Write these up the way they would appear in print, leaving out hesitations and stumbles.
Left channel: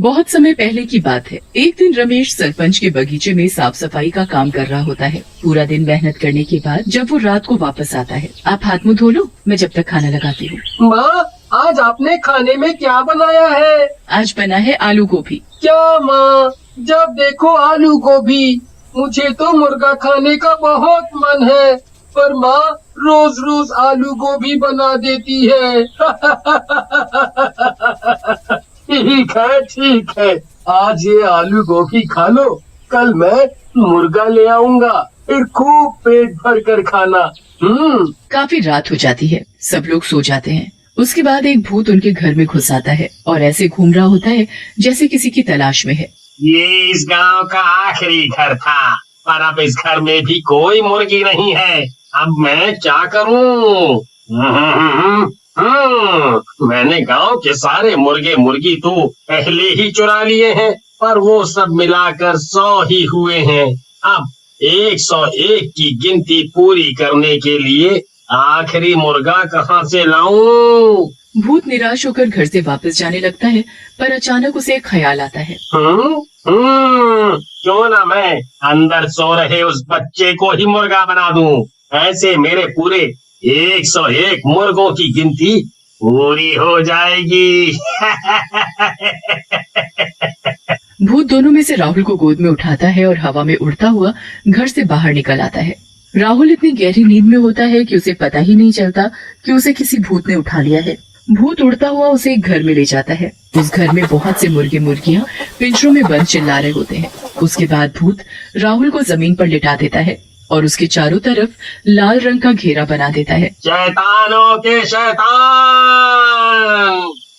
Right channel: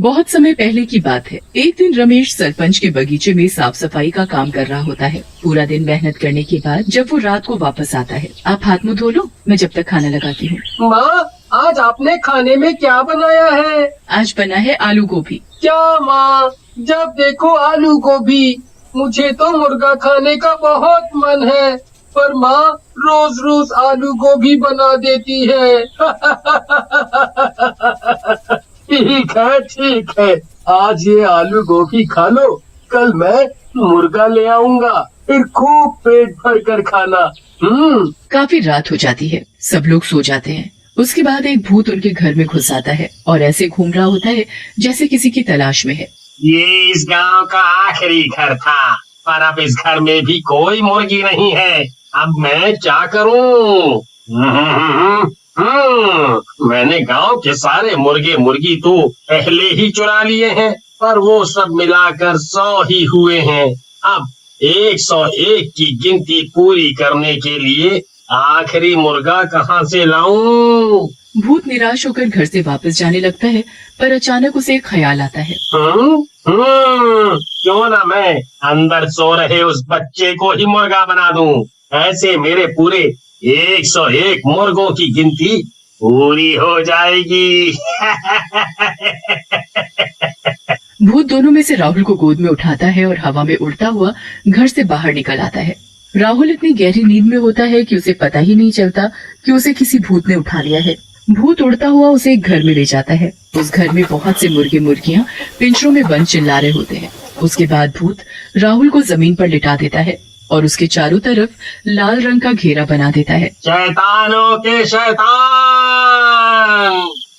बहुत समय पहले की बात है। एक दिन रमेश सरपंच के बगीचे में साफ सफाई का काम कर रहा होता है। पूरा दिन मेहनत करने के बाद जब वो रात को वापस आता है, आप हाथ मुंह धो लो, मैं जब तक खाना लगाती हूँ। माँ, आज आपने खाने में क्या बनाया है? आज बना है आलू गोभी। क्या माँ, जब देखो आलू गोभी। मुझे तो मुर्गा खाने का बहुत मन है, पर माँ रोज रोज आलू गोभी बना देती है। ठीक है, आज ये आलू गोभी खा लो, कल मैं मुर्गा ले आऊंगा, फिर खूब पेट भर कर खाना। काफी रात हो जाती है, सब लोग सो जाते हैं। उसके बाद एक भूत उनके घर में घुस आता है और ऐसे घूम रहा होता है जैसे किसी की तलाश में है। ये इस गांव का आखिरी घर था, पर अब इस घर में भी कोई मुर्गी नहीं है। अब मैं क्या करूं? मैंने गांव के सारे मुर्गे मुर्गी तो पहले ही चुरा लिए हैं, पर वो सब मिलाकर 100 ही हुए हैं। अब 101 की गिनती पूरी करने के लिए आखिरी मुर्गा कहाँ से लाऊं? भूत निराश होकर घर से वापस जाने लगता है, पर अचानक उसे एक ख्याल आता है। क्यों ना मैं अंदर सो रहे उस बच्चे को ही मुर्गा बना दूं। ऐसे मेरे पूरे 101 मुर्गों की गिनती पूरी हो जाएगी। भूत दोनों में से राहुल को गोद में उठाता है और हवा में उड़ता हुआ घर से बाहर निकल आता है। राहुल इतनी गहरी नींद में होता है कि उसे पता ही नहीं चलता कि उसे किसी भूत ने उठा लिया है। भूत उड़ता हुआ उसे एक घर में ले जाता है। उस घर में बहुत से मुर्गे मुर्गियां पिंजरों में बंद चिल्ला रहे होते हैं। उसके बाद भूत राहुल को जमीन पर लिटा देता है और उसके चारों तरफ लाल रंग का घेरा बना देता है। शैतानों के शैतान,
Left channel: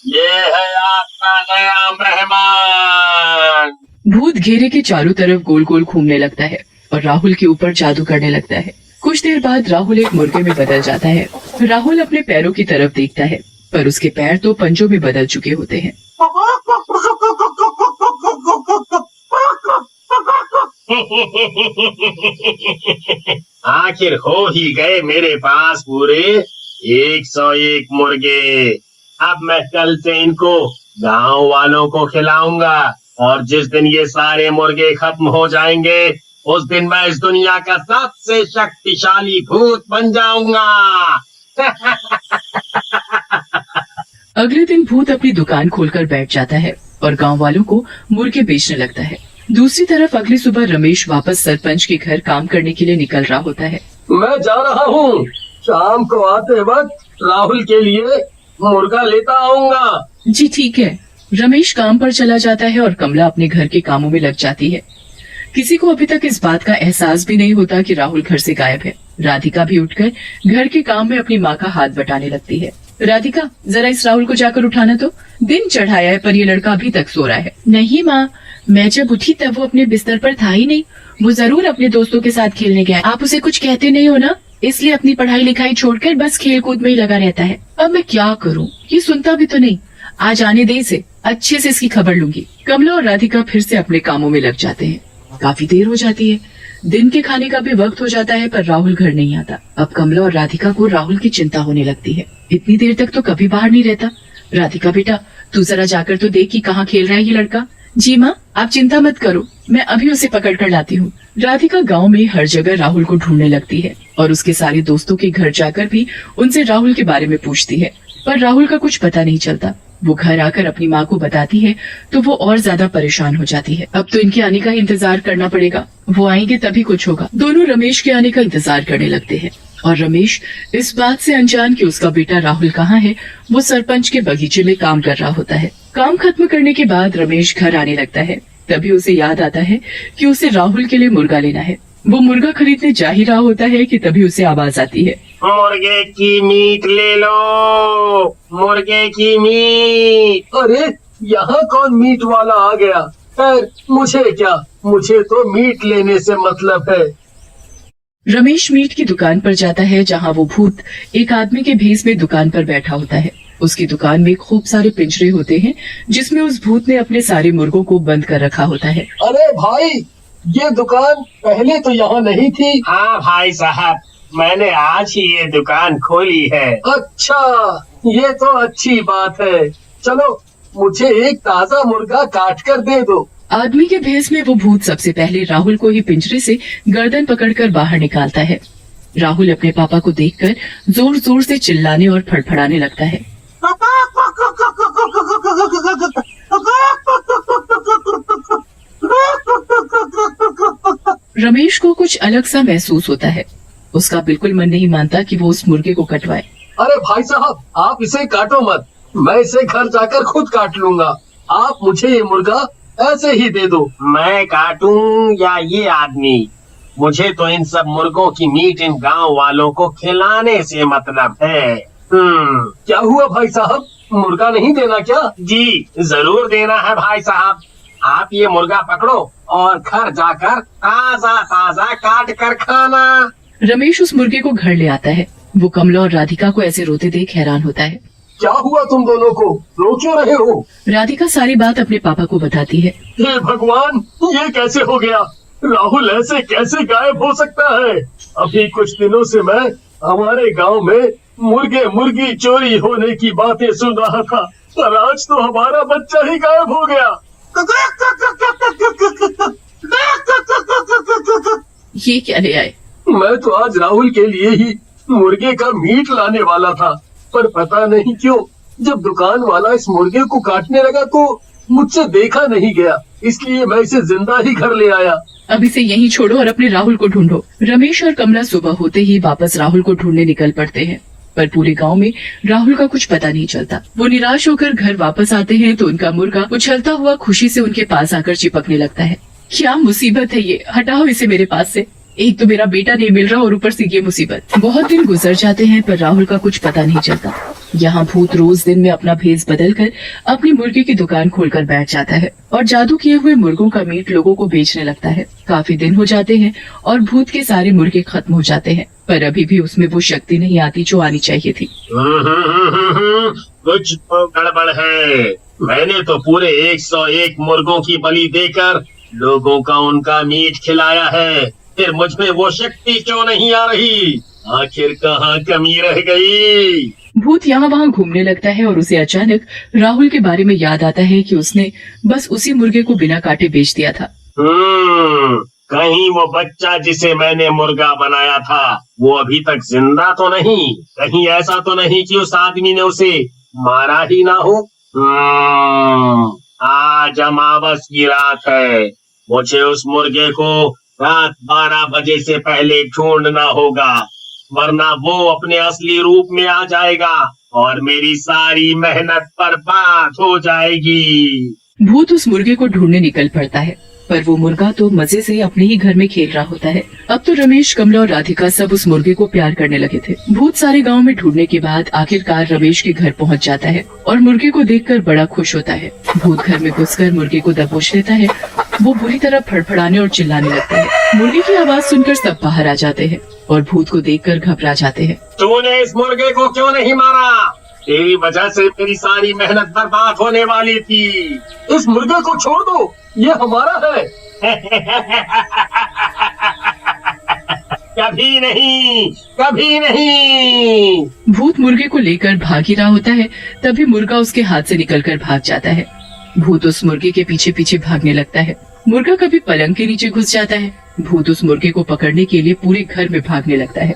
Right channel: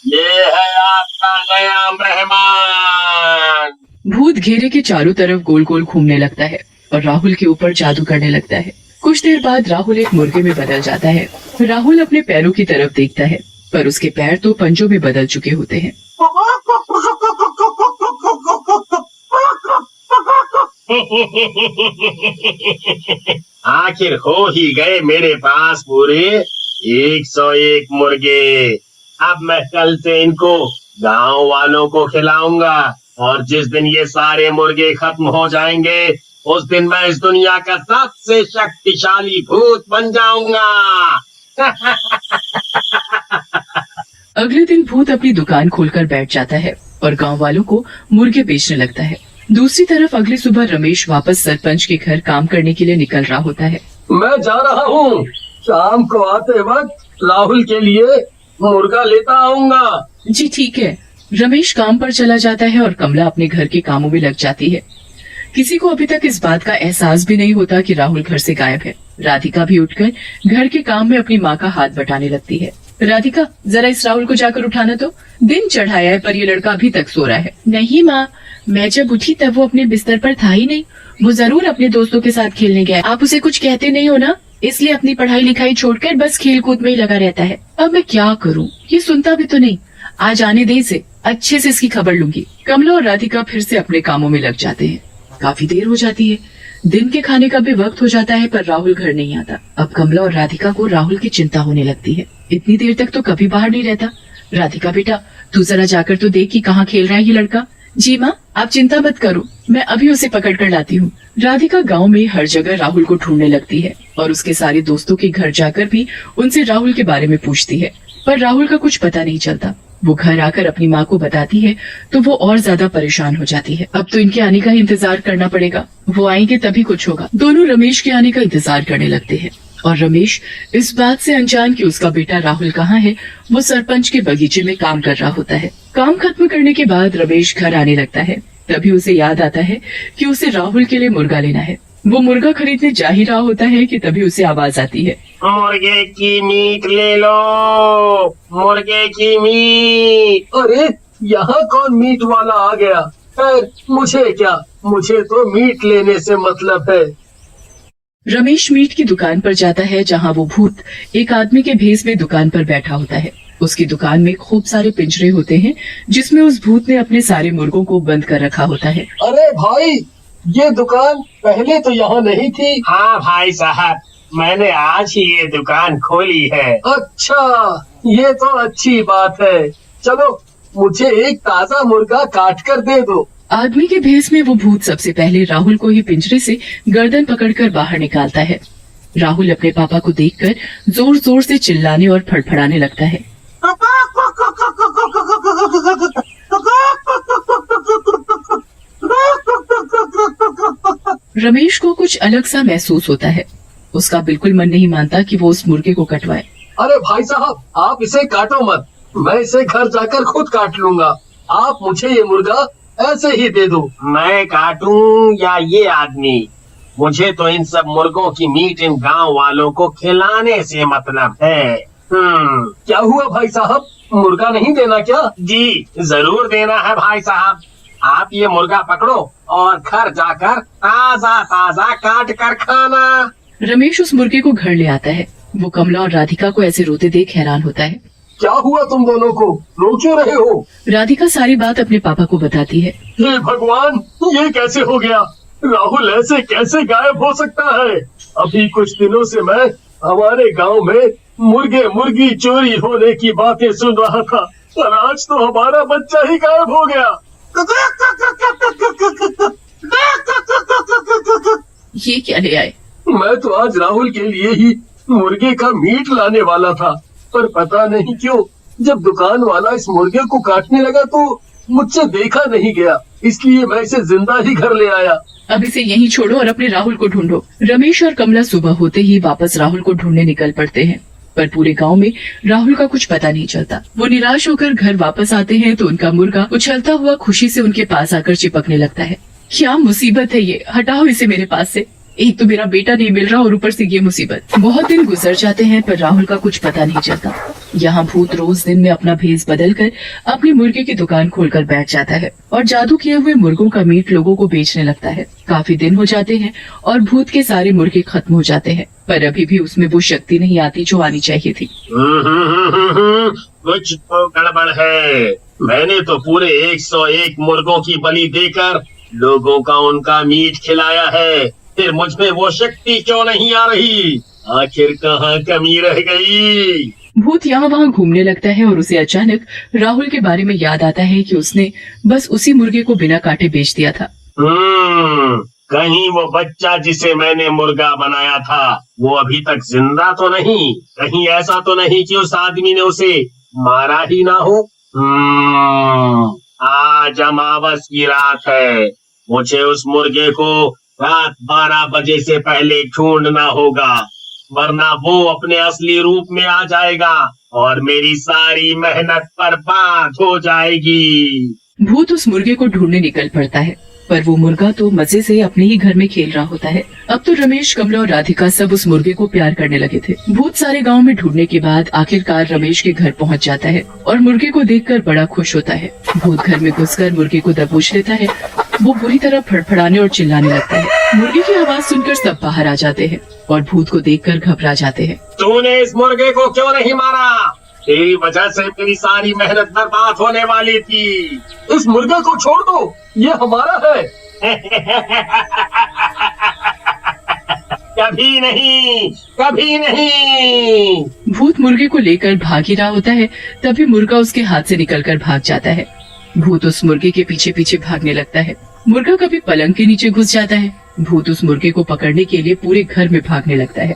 ये है आपका नया मेहमान। भूत घेरे के चारों तरफ गोल गोल घूमने लगता है और राहुल के ऊपर जादू करने लगता है। कुछ देर बाद राहुल एक मुर्गे में बदल जाता है। राहुल अपने पैरों की तरफ देखता है, पर उसके पैर तो पंजों में बदल चुके होते हैं। आखिर हो ही गए मेरे पास पूरे 101 मुर्गे। अब मैं कल से इनको गांव वालों को खिलाऊंगा, और जिस दिन ये सारे मुर्गे खत्म हो जाएंगे, उस दिन मैं इस दुनिया का सबसे शक्तिशाली भूत बन जाऊंगा। अगले दिन भूत अपनी दुकान खोलकर बैठ जाता है और गांव वालों को मुर्गे बेचने लगता है। दूसरी तरफ अगली सुबह रमेश वापस सरपंच के घर काम करने के लिए निकल रहा होता है। मैं जा रहा हूँ, शाम को आते वक्त राहुल के लिए मुर्गा लेता आऊंगा। जी ठीक है। रमेश काम पर चला जाता है और कमला अपने घर के कामों में लग जाती है। किसी को अभी तक इस बात का एहसास भी नहीं होता कि राहुल घर से गायब है। राधिका भी उठकर घर के काम में अपनी माँ का हाथ बटाने लगती है। राधिका, जरा इस राहुल को जाकर उठाना तो। दिन चढ़ाया है पर ये लड़का अभी तक सो रहा है। नहीं माँ, मैं जब उठी तब वो अपने बिस्तर पर था ही नहीं। वो जरूर अपने दोस्तों के साथ खेलने गया। आप उसे कुछ कहते नहीं हो ना, इसलिए अपनी पढ़ाई लिखाई छोड़कर बस खेल कूद में ही लगा रहता है। अब मैं क्या करूँ, ये सुनता भी तो नहीं। आज आने दे इसे, अच्छे से इसकी खबर लूंगी। कमला और राधिका फिर से अपने कामों में लग जाते हैं। काफी देर हो जाती है। दिन के खाने का भी वक्त हो जाता है, पर राहुल घर नहीं आता। अब कमला और राधिका को राहुल की चिंता होने लगती है। इतनी देर तक तो कभी बाहर नहीं रहता। राधिका बेटा, तू जरा जाकर तो देख कि कहाँ खेल रहा है ये लड़का। जी माँ, आप चिंता मत करो, मैं अभी उसे पकड़ कर लाती हूँ। राधिका गांव में हर जगह राहुल को ढूंढने लगती है और उसके सारे दोस्तों के घर जाकर भी उनसे राहुल के बारे में पूछती है, पर राहुल का कुछ पता नहीं चलता। वो घर आकर अपनी माँ को बताती है तो वो और ज्यादा परेशान हो जाती है। अब तो इनके आने का इंतजार करना पड़ेगा, वो आएंगे तभी कुछ होगा। दोनों रमेश के आने का इंतजार करने लगते हैं और रमेश इस बात से अनजान कि उसका बेटा राहुल कहाँ है, वो सरपंच के बगीचे में काम कर रहा होता है। काम खत्म करने के बाद रमेश घर आने लगता है। तभी उसे याद आता है कि उसे राहुल के लिए मुर्गा लेना है। वो मुर्गा खरीदने जा ही रहा होता है कि तभी उसे आवाज आती है, मुर्गे की मीट ले लो, मुर्गे की मीट। अरे, यहाँ कौन मीट वाला आ गया? खैर, मुझे क्या, मुझे तो मीट लेने से मतलब है। रमेश मीट की दुकान पर जाता है, जहाँ वो भूत एक आदमी के भेष में दुकान पर बैठा होता है। उसकी दुकान में खूब सारे पिंजरे होते हैं, जिसमें उस भूत ने अपने सारे मुर्गों को बंद कर रखा होता है। अरे भाई, ये दुकान पहले तो यहाँ नहीं थी। हाँ भाई साहब, मैंने आज ही ये दुकान खोली है। अच्छा, ये तो अच्छी बात है। चलो मुझे एक ताज़ा मुर्गा काट कर दे दो। आदमी के भेस में वो भूत सबसे पहले राहुल को ही पिंजरे से गर्दन पकड़कर बाहर निकालता है। राहुल अपने पापा को देखकर जोर जोर से चिल्लाने और फड़फड़ाने लगता है। रमेश को कुछ अलग सा महसूस होता है। उसका बिल्कुल मन नहीं मानता कि वो उस मुर्गे को कटवाए। अरे भाई साहब, आप इसे काटो मत, मैं इसे घर जाकर खुद काट लूंगा। आप मुझे ये मुर्गा ऐसे ही दे दो। मैं काटूं या ये आदमी? मुझे तो इन सब मुर्गों की मीट इन गांव वालों को खिलाने से मतलब है। क्या हुआ भाई साहब, मुर्गा नहीं देना क्या? जी जरूर देना है भाई साहब। आप ये मुर्गा पकड़ो और घर जाकर ताजा ताजा काट कर खाना। रमेश उस मुर्गे को घर ले आता है। वो कमला और राधिका को ऐसे रोते देख हैरान होता है। क्या हुआ तुम दोनों को, रो क्यों रहे हो? राधिका सारी बात अपने पापा को बताती है। हे भगवान, ये कैसे हो गया? राहुल ऐसे कैसे गायब हो सकता है? अभी कुछ दिनों से मैं हमारे गांव में मुर्गे मुर्गी चोरी होने की बातें सुन रहा था, और आज तो हमारा बच्चा ही गायब हो गया। ये क्या ले आए? मैं तो आज राहुल के लिए ही मुर्गे का मीट लाने वाला था, पर पता नहीं क्यों जब दुकान वाला इस मुर्गे को काटने लगा तो मुझसे देखा नहीं गया, इसलिए मैं इसे जिंदा ही घर ले आया। अब इसे यहीं छोड़ो और अपने राहुल को ढूंढो। रमेश और कमला सुबह होते ही वापस राहुल को ढूंढने निकल पड़ते हैं, पर पूरे गांव में राहुल का कुछ पता नहीं चलता। वो निराश होकर घर वापस आते हैं तो उनका मुर्गा उछलता हुआ खुशी से उनके पास आकर चिपकने लगता है। क्या मुसीबत है ये, हटाओ इसे मेरे पास से। एक तो मेरा बेटा नहीं मिल रहा और ऊपर से ये मुसीबत। बहुत दिन गुजर जाते हैं पर राहुल का कुछ पता नहीं चलता। यहाँ भूत रोज दिन में अपना भेस बदलकर अपनी मुर्गे की दुकान खोलकर बैठ जाता है और जादू किए हुए मुर्गों का मीट लोगों को बेचने लगता है। काफी दिन हो जाते हैं और भूत के सारे मुर्गे खत्म हो जाते हैं, पर अभी भी उसमें वो शक्ति नहीं आती जो आनी चाहिए थी। कुछ तो गड़बड़ है। मैंने तो पूरे 101 मुर्गों की बलि देकर लोगों का उनका मीट खिलाया है, फिर मुझ में वो शक्ति क्यों नहीं आ रही? आखिर कहाँ कमी रह गई? भूत यहाँ वहाँ घूमने लगता है और उसे अचानक राहुल के बारे में याद आता है कि उसने बस उसी मुर्गे को बिना काटे बेच दिया था। कहीं वो बच्चा जिसे मैंने मुर्गा बनाया था वो अभी तक जिंदा तो नहीं? कहीं ऐसा तो नहीं कि उस आदमी ने उसे मारा ही ना हो? आज अमावस की रात है। मुझे उस मुर्गे को रात 12 बजे से पहले ढूंढना होगा, वरना वो अपने असली रूप में आ जाएगा और मेरी सारी मेहनत बर्बाद हो जाएगी। भूत उस मुर्गे को ढूंढने निकल पड़ता है, पर वो मुर्गा तो मजे से अपने ही घर में खेल रहा होता है। अब तो रमेश, कमला और राधिका सब उस मुर्गे को प्यार करने लगे थे। भूत सारे गांव में ढूंढने के बाद आखिरकार रमेश के घर पहुंच जाता है और मुर्गे को देखकर बड़ा खुश होता है। भूत घर में घुसकर मुर्गे को दबोच लेता है। वो बुरी तरह फड़फड़ाने और चिल्लाने लगता है। मुर्गे की आवाज सुनकर सब बाहर आ जाते हैं और भूत को देखकर घबरा जाते हैं। तूने इस मुर्गे को क्यों नहीं मारा? तेरी वजह से मेरी सारी मेहनत बर्बाद होने वाली थी। इस मुर्गे को छोड़ दो, ये हमारा है। कभी नहीं, कभी नहीं। भूत मुर्गे को लेकर भाग ही रहा होता है, तभी मुर्गा उसके हाथ से निकलकर भाग जाता है। भूत उस मुर्गे के पीछे पीछे भागने लगता है। मुर्गा कभी पलंग के नीचे घुस जाता है। भूत उस मुर्गे को पकड़ने के लिए पूरे घर में भागने लगता है।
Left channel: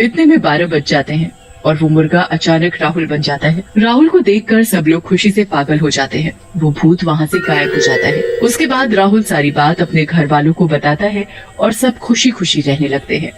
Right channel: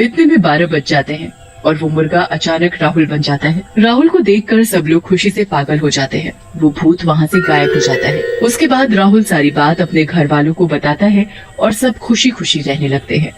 इतने में 12 बज जाते हैं और वो मुर्गा अचानक राहुल बन जाता है। राहुल को देखकर सब लोग खुशी से पागल हो जाते हैं। वो भूत वहाँ से गायब हो जाता है। उसके बाद राहुल सारी बात अपने घर वालों को बताता है और सब खुशी खुशी रहने लगते हैं।